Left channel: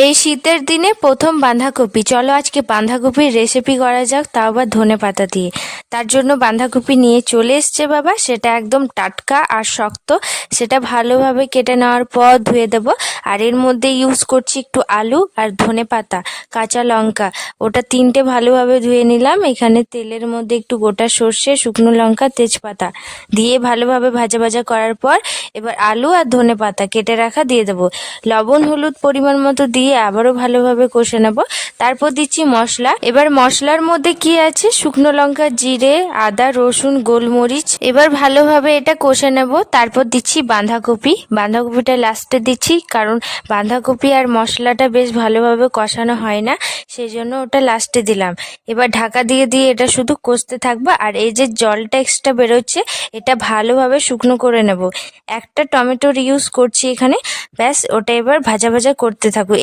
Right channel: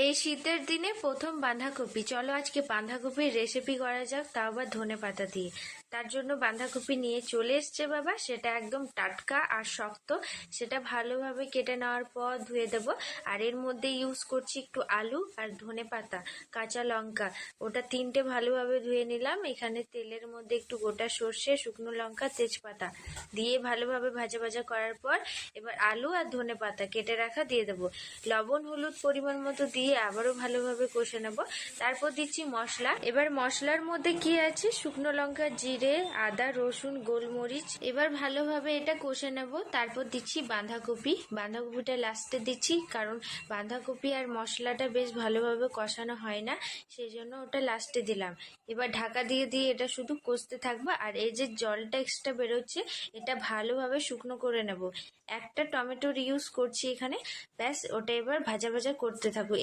এই শীতের দিনে প্রথম বাঁধাকপি। চলো আজকে বাঁধাকপির রেসিপি করা যাক, তাও আবার ধনেপাতা দিয়ে। তার জন্য বাঁধাকপি নিয়ে চলে এসছে বাবা, সেটা একদম টাটকা আর শক্ত। সেটা ভালোভাবে কেটে নেওয়ার পর ধুয়ে দেব। আর এর মধ্যে ইউজ করছি একটু আলু আর ধনেপাতা, কাঁচা লঙ্কা। ওটা তিনটে ভালোভাবে ধুয়ে নিলাম। এখানে তেলের মধ্যে একটু গোটা সর্ষে, শুকনো লঙ্কা, তেজপাতা দিয়ে ভালোভাবে ভাজা ভাজা করার পর এবার আলু আর ধনেপাতা কেটে রাখা দিয়ে দেবো। লবণ হলুদ পরিমাণ মতো দিয়ে আবারও ভালোভাবে কষে নেব। তারপর দিচ্ছি মশলা। এবার মশলার মধ্যে কি আছে, শুকনো লঙ্কা, জিরে, আদা, রসুন, গোলমরিচ। এবার ভালোভাবে এটা কষে নেব। তারপর দিচ্ছি বাঁধাকপিটা লাস্টে দিচ্ছি, কারণ বাঁধাকপি আর মশলাটা বেশ ভালোভাবে কষানো হয় না, সেই জন্য ওটা লাস্টে দিলাম। এবার ঢাকা দিয়ে দিয়ে এটা শুধু কষতে থাকবো। আর এই যে জলটা এক্সট্রা বেরোচ্ছে, এটা ভালোভাবে শুকনো করে নেব। একটা টমেটোর ইউজ করছি এখানে, ব্যাস ওটা এবার ভাজা ভাজা করতে থাকবো।